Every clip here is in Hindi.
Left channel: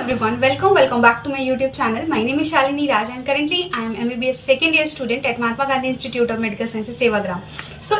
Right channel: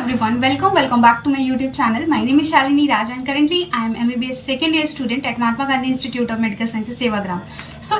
everyone, welcome back to my YouTube channel. My name is Shalini Raj and currently I am MBBS second year student at Mahatma Gandhi Institute of Medical Sciences Sevagram.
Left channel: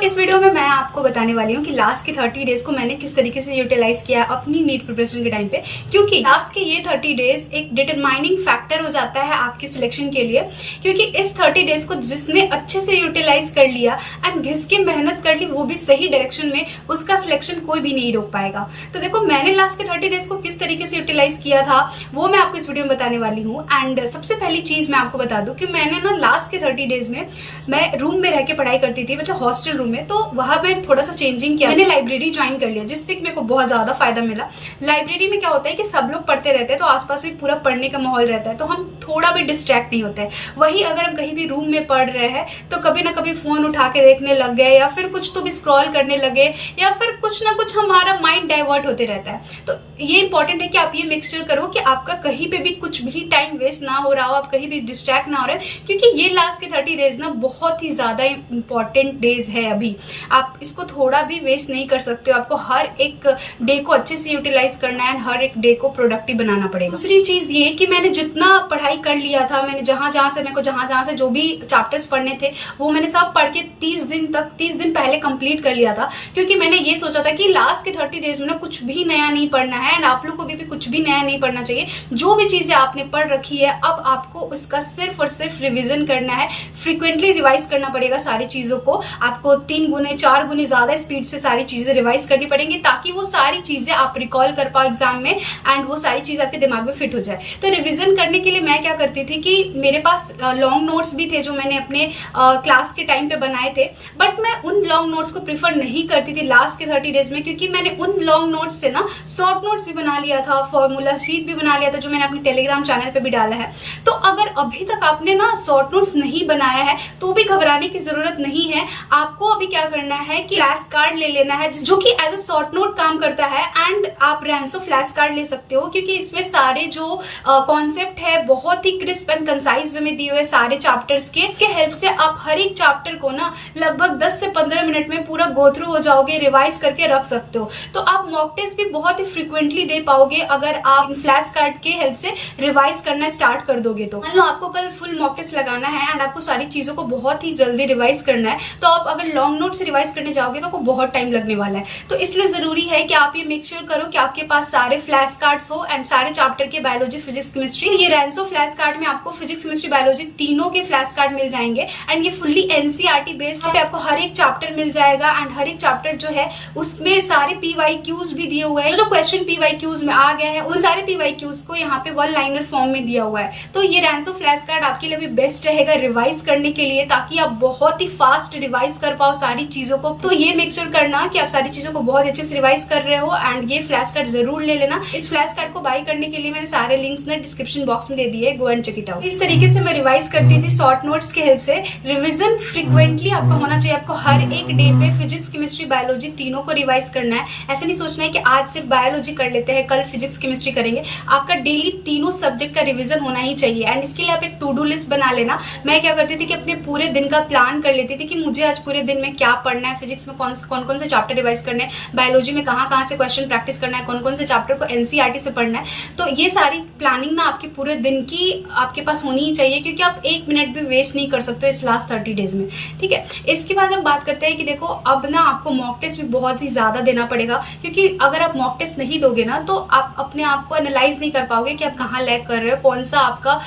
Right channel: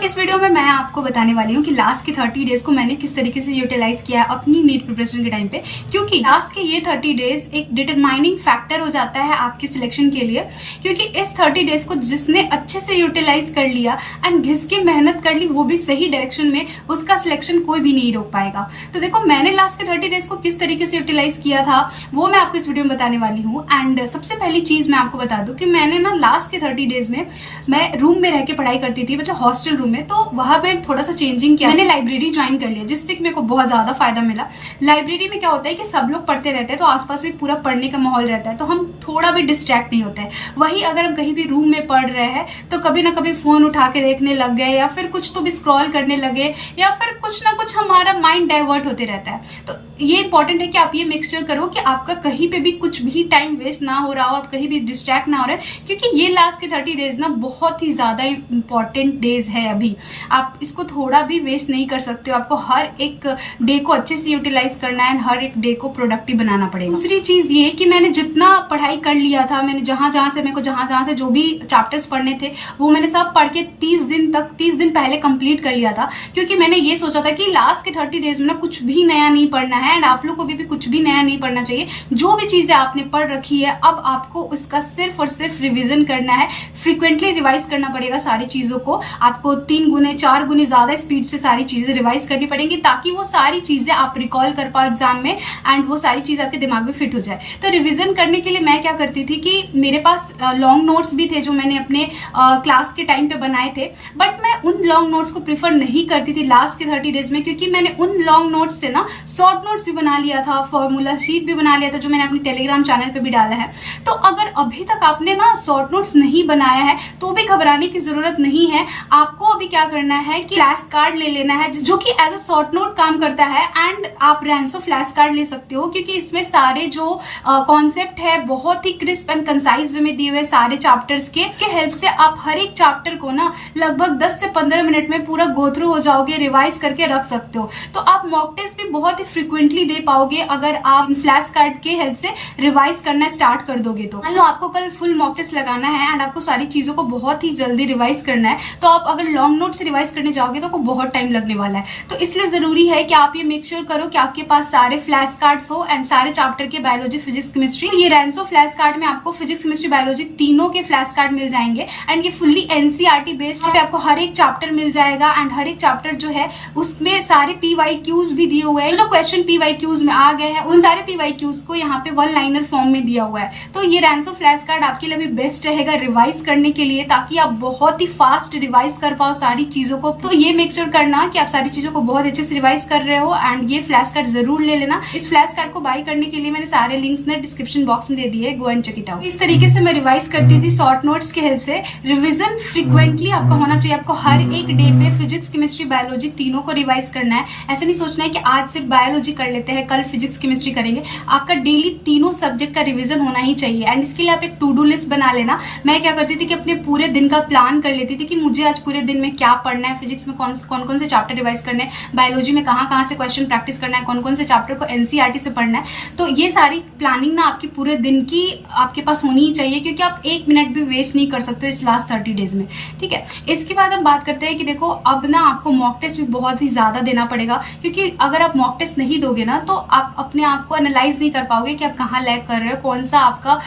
इस वीडियो में मैं आपको बताने वाली हूँ कि लास्ट के 30 डेज को मैंने किस तरीके से यूटिलाइज किया अपनी नीट प्रिपरेशन के टाइम पे, क्योंकि लास्ट के ये 30 डेज एक डिटरमाइनिंग फैक्टर हो जाता है आपके सिलेक्शन के लिए। क्योंकि इस 30 डेज को जिसने अच्छे से यूटिलाइज कर लिया एंड घिस के मेहनत कर ली, वो भी सही डायरेक्शन में, उसका सिलेक्शन कोई भी नहीं रोक पाएगा। तो देखो, मैंने लास्ट के 30 डेज को किस तरीके से यूटिलाइज किया था वो मैं आपको इस वीडियो में बताने वाली हूँ। एंड सबसे पहली चीज मैं आपको बता दूं कि मैंने ना लास्ट के 30 डेज में मैं रूम में रह के पढ़ाई करती थी, मतलब हॉस्टल रूम में। तो वहां पर थोड़ा सा चेंजिंग किया, मैंने लाइब्रेरी ज्वाइन कर लिया, जिससे मेरे को बहुत ज्यादा फायदा मिला। लाइब्रेरी में क्या होता है कि सब लोग पढ़ते रहते हैं, तो आसपास भी पूरा पढ़ने का माहौल रहता है, तो हम थोड़ा भी डिस्ट्रैक्ट नहीं होते। वही अगर हम कहीं भी रूम में पढ़ रहे हैं तो कभी ना कभी फोन उठा के देखने लग गए, या फिर कुछ तो भी स्क्रॉल करने लगे, या फिर कुछ ना कुछ हमारा माइंड डाइवर्ट होते रहता है। तो ये इंपॉर्टेंट है कि आप ये मेक करो कि आपका कहीं पे भी कुछ भी टाइम वेस्ट ना हो रहा हो, आप कहीं भी डिस्ट्रैक्ट ना हो रहे, क्योंकि ये लास्ट के 30 डेज ना बहुत ही ज्यादा इंपॉर्टेंट डेज है। अभी आप इसको थोड़ा भी वेस्ट नहीं कर सकते हो, आपको हर एक डे को अच्छे से यूटिलाइज करना है, हर एक डे को प्रोडक्टिव बनाना पड़ेगा। दूसरी चीज ये कि मैंने जितना पढ़ाई कर लिया था, मैंने जहां जहां से जो भी चैप्टर्स पढ़ने थे वो मैंने सब पढ़ के 30 दिन पहले कंप्लीट कर लिया था। क्योंकि मैंने ये सोचा था कि लास्ट के 30 डेज में ना कुछ भी नया नहीं पढ़ना है, एंड आप लोग को भी कुछ भी नया नहीं पढ़ना चाहिए। जो भी चीजें आपने पढ़ रखी है, अब आपको उसका सिर्फ और सिर्फ रिवीजन करना है, फ्रीक्वेंटली रिवाइज करना पड़ेगा सारी चीजों को। आपको 3 गुने 4 गुने ज्यादा स्पीड से सारी चीजें रिवाइज करनी पड़ेंगी, ताकि वो सारी चीजें आप रिकॉल कर पाओ एग्जाम में, एंड वो सारी चीज आपके दिमाग में फिट हो जाए। तो रिवीजन करने के लिए मैं क्या करती थी कि मेरे पास लॉन्ग नोट्स भी थे जो मैंने अपने क्लास के टाइम पे बनाए थे, बट मैं उन लॉन्ग नोट्स को प्रीफर नहीं करती थी लास्ट के 30 डेज में, क्योंकि मैंने उन लॉन्ग नोट्स से ना शॉर्ट नोट्स भी बना लिया था, फॉर्मूला शीट भी बना लिया था, जो मैंने अपने टेलीग्राम चैनल पे भी डाला है। तो अगर अभी तक आपने ना शॉर्ट नोट्स नहीं बनाया है तो भी घबराने की जरूरत नहीं है। आपको अभी क्या करना है कि फ्लैश कार्ड ले लेना है, जो कि एज अ शॉर्ट नोट काम करता है, एंड आप रैंसो फ्लैश कार्ड ले सकते हो, क्योंकि इसमें सारे जो कॉन्सेप्ट है बहुत ही क्रिस्प एंड कंसाइज वे में दिए हुए सारे चैप्टर्स के हेल्प से आप हर एक चैप्टर को ना लगभग 10 से 15 मिनट में पूरा गो थ्रू हो जाओगे, रिवाइज करके रख सकते हो। तो आप मॉक टेस्ट भी बहुत ही फ्रिक्वेंटली दे पाओगे अगर आप फ्लैश कार्ड के हेल्प से रिवाइज करना स्टार्ट कर दोगे। तो मान लो आपको कल फुल मॉक टेस्ट लगाना है एंड आपको सारी चीजों को बहुत ही जल्दी रिवाइज करना है, तो आप अगर लॉन्ग नोट से रिवाइज करने जाओगे तो आपको बहुत टाइम लगने वाला है। तो इसलिए जरूरी है कि आप ये मेक श्योर करो कि आपके पास सारे फ्लैश कार्ड्स हो एंड सारे चैप्टर के बायोलॉजी, फिजिक्स, केमिस्ट्री। ये रैंसो फ्लैश कार्ड में आपको फिजिक्स, केमिस्ट्री, बायोलॉजी तीनों के फ्लैश कार्ड मिल जाएंगे, एंड ये फुल्ली एनसीईआरटी बेस्ड है। आपको हर एक चैप्टर मिल जाएगा, एंड हर एक चैप्टर जो है उसमें सारे PYQs भी दिए हुए हैं। जो क्वेश्चन PYQs में आ गए हैं उन सारे PYQs को यहाँ पे 1 लाइनर फॉर्म में दिया हुआ है। तो ये रैंसो फ्लैश कार्ड आपके लिए भी बेस्ट रहेगा रिवाइज करने के लिए, ताकि आप बहुत ही फास्ट रिवाइज कर पाओ सारी चीजों को। तो ये मेक श्योर करना कि आप सारी चीजों को बहुत अच्छे से रिवाइज कर रहे हो, एंड ये फ्लैश कार्ड जरूर ले लेना। इस फ्लैश कार्ड को बाय करने के लिए मैंने सारे लिंक्स ने डिस्क्रिप्शन बॉक्स में दे दिए, go and check it out. इस तरीके से मैं रिवाइज करती थी शॉर्ट नोट्स के हेल्प से। रिविजन फ्रिक्वेंटली आपका होना चाहिए, आपको हर एक डे पे फिजिक्स, केमिस्ट्री, बायोलॉजी तीनों को रिवाइज करना है। ऐसा नहीं सोचना है कि आज सिर्फ बायोलॉजी कर लेते हैं, कल फिजिक्स, केमिस्ट्री करेंगे। आपका डेली तीनों सब्जेक्ट का रिवीजन होना ही चाहिए, एंड इसके लिए आप एक टू डू लिस्ट बना लेना। मैं क्या करती थी कि अपने पूरे दिन का प्लान कर लेती थी कि मुझे आज पूरे दिन में क्या पढ़ना है, फिजिक्स में कौन से चैप्टर रिवाइज करने हैं, बायोलॉजी में कहाँ से क्वेश्चन प्रैक्टिस करना है, कौन से चैप्टर को एनसीईआरटी से पढ़ना है। तो ये सारी प्लानिंग ना आपके पूरे दिन की आपके पास होनी ही चाहिए, क्योंकि आप 1 मिनट भी वेस्ट नहीं कर सकते इस लास्ट 30 डेज में। ठीक है, इसके बाद हम बात करते हैं कि देखो, अब ना आपको मॉक टेस्ट भी बहुत ही ज्यादा देना पड़ेगा, क्योंकि अगर आप मॉक टेस्ट नहीं दोगे ना तो आप अपने आप को एनालाइज नहीं कर पाओगे कि आप कहाँ लैग कर रहे हो, कौन सा आपका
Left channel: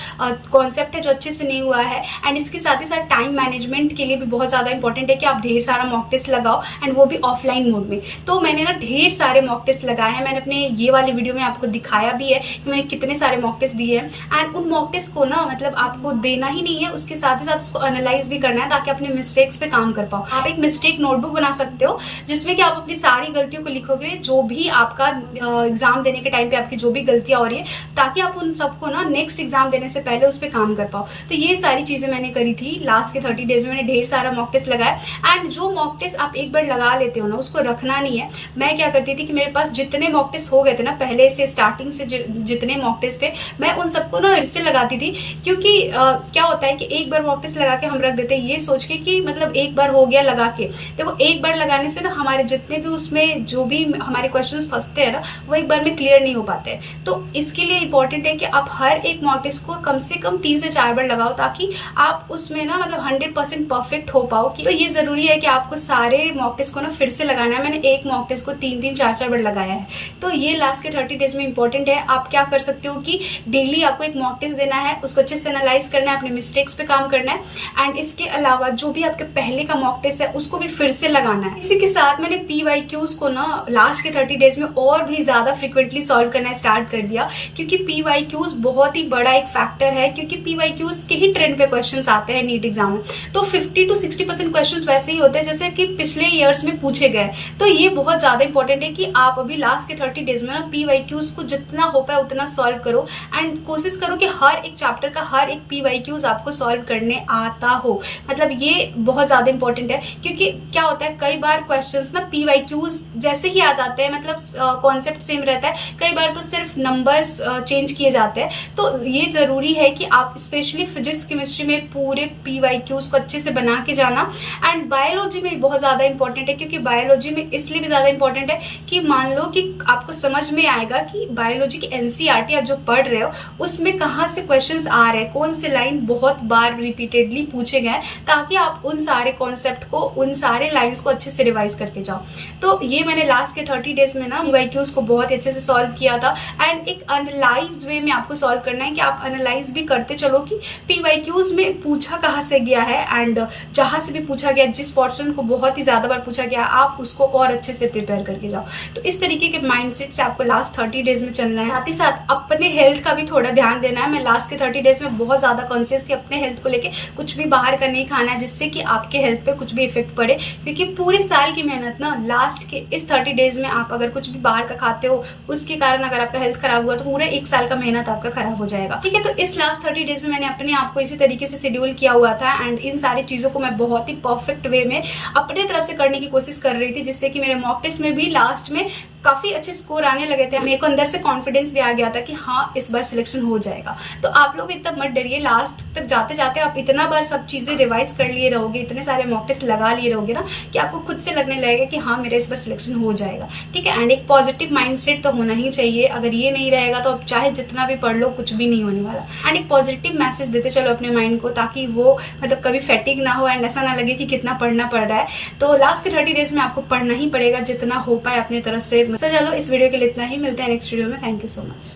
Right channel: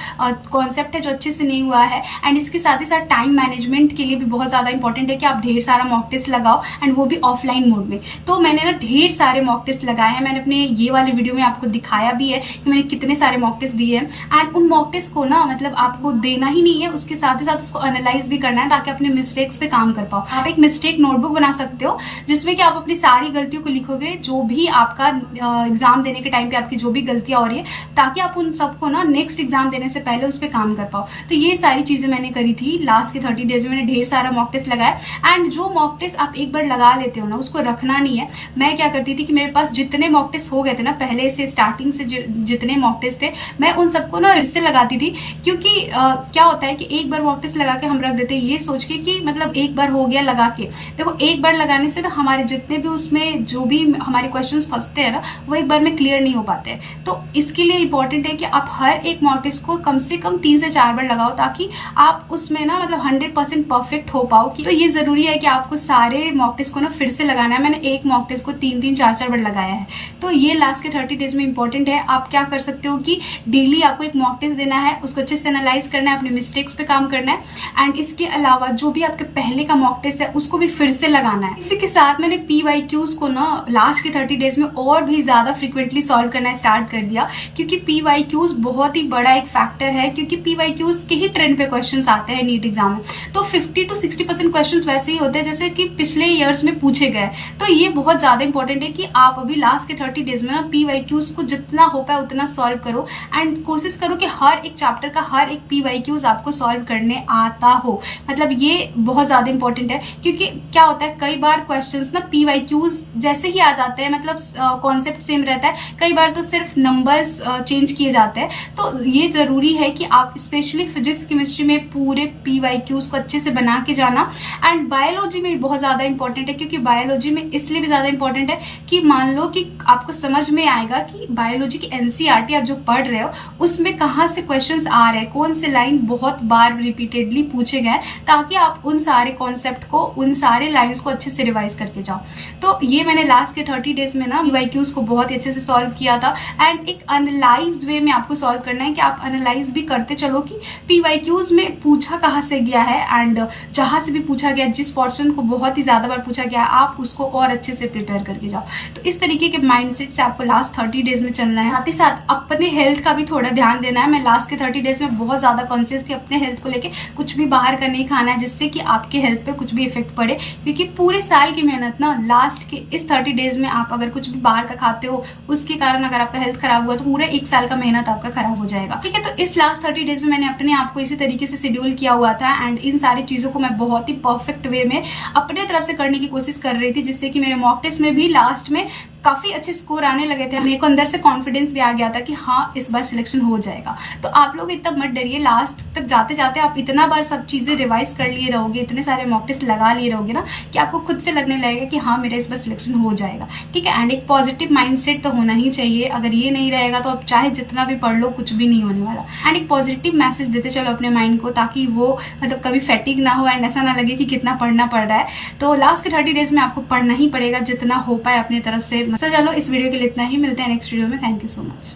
कॉन्सेप्ट है जो अच्छे से नहीं हुआ है। एंड इसके साथ ही साथ टाइम मैनेजमेंट के लिए भी बहुत ज्यादा इंपॉर्टेंट है कि आप ढेर सारा मॉक टेस्ट लगाओ, एंड वो भी ऑफलाइन मोड में। तो मैंने ना ढेर सारे मॉक टेस्ट लगाए हैं, मैंने अपने ये वाले वीडियो में आपको दिखाया भी है कि मैंने कितने सारे मॉक टेस्ट दिए हैं। एंड उन मॉक टेस्ट को ना मतलब आपको देना ही नहीं है, उसके साथ ही साथ उसको एनालाइज भी करना है, ताकि अपने मिस्टेक्स पे काम कर पाओ। आप एक मिस्टेक नोटबुक बना सकते हो, जिसमें कि आप अपनी सारी गलतियों को लिखोगे, जो भी आपका एग्जाम देने के टाइम पे आपकी जो भी गलतियां हो रही है, ताकि आप उन सबको ना नेक्स्ट एग्जाम देने से पहले उस पर काम कर पाओ। तो ये सारी चीजें मैंने करी थी लास्ट के 30 डेज में। मैंने ढेर सारा मॉक टेस्ट लगाया, एंड जो मॉक टेस्ट आप एक बार लगा लेते हो ना, उसको रखना नहीं है। मैं क्या करती थी कि मेरे पास जितने मॉक टेस्ट हो गए थे ना पहले से, स्टार्टिंग से जितने मॉक टेस्ट थे, मैं उन सबको ना फिर से लगाती थी। क्योंकि क्या होता है कि एक बार मॉक टेस्ट लगा के हम रख देते हैं ये सोच के कि मतलब एक बार हो गया लगा के। देखो, एक बार लगाने से ना हमारे जितने भी उसमें जो भी हमारे क्वेश्चंस फंसते हैं ना, वो एक बार में क्लियर नहीं हो पाते हैं। तो इसके लिए इंपॉर्टेंट है कि आप हर एक मॉक टेस्ट को कम से कम 3 से 4 बार लगाओ, ताकि आप उसमें ना मतलब 100% परफेक्ट हो पाओ। तो ये जरूरी है कि आपको सारे मॉक टेस्ट को ना फिर से लगाना है। मैंने एक मॉक टेस्ट को 3-3, 4-4 बार लगाया है। तो ये लास्ट के 30 डेज में इंपॉर्टेंट है। आप क्या कर सकते हो कि डेली आपको एक मॉक टेस्ट देना है, उसको अच्छे से एनालाइज करना है, अपने मिस्टेक्स पे काम करना है, एंड इसके अलावा जो भी आपके पहले का मॉक टेस्ट है उसको भी फिर से लगाना है। इसी के साथ मैंने PYQs को ना लास्ट के 30 डेज में और भी ज्यादा फ्रिक्वेंटली सॉल्व करना स्टार्ट कर दिया, क्योंकि PYQs बहुत ही बड़ा एक फैक्टर है, क्योंकि PYQs के ही ट्रेंड पे क्वेश्चंस आते हैं नीट एग्जाम में। तो 50 to 60% क्वेश्चंस वैसे ही होते हैं जैसे कि पिछले ईयर्स में पूछे गए। तो ये बहुत ज्यादा इंपॉर्टेंट है कि आप अभी लास्ट के 30 डेज में ना PYQs को जितना हो पाए उतना सॉल्व करो, एंड कोशिश करो कि हर एक चैप्टर का हर एक PYQs आपको सॉल्व करने आता हो। मतलब ये बहुत ज्यादा इंपॉर्टेंट है, क्योंकि क्या होता है कई बार क्वेश्चंस ना PYQs जैसे ही आ जाते हैं, मतलब कॉन्सेप्ट सेम रहता है, कई बार तो सिर्फ नंबर्स चेंज किए जाते हैं। तो ये जरूरी है कि आप स्पेशली फिजिक्स केमिस्ट्री में पूरे PYQs को अच्छे से बना के जाना। एंड बायोलॉजी में भी बहुत ज्यादा इंपॉर्टेंट है, क्योंकि बायोलॉजी में इसलिए भी ज्यादा इंपॉर्टेंट है कि मान लो कि आपको समझ में आएगा कि बायोलॉजी की NCERT आप जो पढ़ रहे हो उसमें कहाँ से क्वेश्चंस आ रहे हैं, कौन से लाइन बहुत बार रिपीटेडली पूछे गए, ताकि आप उन सारे कॉन्सेप्ट को, उन सारे लाइन्स को अच्छे से रिवाइज करके जाओ। तो ये मैंने लास्ट के 30 डेज में ना PYQs को बहुत ही अच्छे से सॉल्व किया था। एंड एक एनालाइज्ड वे में आपको सॉल्व करना है कि आप एनालाइज भी करते चलो कि PYQs में पूछा कहाँ से गया है, एंड जहां से भी पूछा गया, जिस पोर्शन को बहुत ही ज्यादा बार पूछा गया, आप उसको और अच्छे से प्रिपेयर करके जाओ। तो इस तरीके के माइंडसेट से आपको लास्ट 30 डेज में चलना है। साथ ही साथ अपने हेल्थ का भी थोड़ा ध्यान देना है। मैं लास्ट के 30 डेज में बहुत ज्यादा कॉन्शियस थी अपने हेल्थ को लेके। कुछ भी बाहर का नहीं खाना है जिससे कि आपके हेल्थ पे कुछ भी इफेक्ट पड़े, क्योंकि पूरे साल की मेहनत ना लास्ट के इस 30 डेज में आप अगर कुछ भी बाहर का खाते हो, उसके कारण अगर आपका हेल्थ खराब हुआ तो पूरे 1 साल का मेहनत आपका खराब हो जाएगा। ठीक है, तो इस लास्ट 30 डेज में मैंने अपने आप को इसी तरीके से शेड्यूल किया हुआ था, एंड इन सारी चीजों को मैं बहुत ही परफेक्ट वे में अपने तरफ से करने की कोशिश कर रही थी, जिससे कि मेरे मॉक टेस्ट में भी लास्ट में काफी अच्छे स्कोर आने लगे थे। मेरे को अंदर से कॉन्फिडेंस भी आ गया था कि हाँ इस बार सिलेक्शन हो जाएगा। तो आप लोग एकदम मत डरिए, लास्ट तक जाते जाते आप इतना बार सब चीजें रिवाइज कर लिए रहोगे, इतने सारे मॉक टेस्ट लगा लिए रहोगे ना, कि आपको खुद से लगने लगेगा कि हाँ मेरा इस बार सिलेक्शन हो जाएगा। ठीक है, एंड एक पॉजिटिव माइंडसेट तो होना ही चाहिए। अगर ये नहीं रहेगा तो आप चाहे जितना भी पढ़ लो कुछ भी नहीं होने वाला। एंड एक पॉजिटिव मैसेज देते चलो अपने माइंड को, ताकि वो मतलब कभी फैटिक ना हो एंड ऐसा ना लगे कि कितना पढ़ना पड़ रहा है। तो लास्ट के 30 डेज में आपको पढ़ना ही पड़ेगा जितना हो पाए अपनी तरफ से। चलो इस वीडियो के लिए इतना ही, मिलते हैं नेक्स्ट वीडियो में। Thank you so much.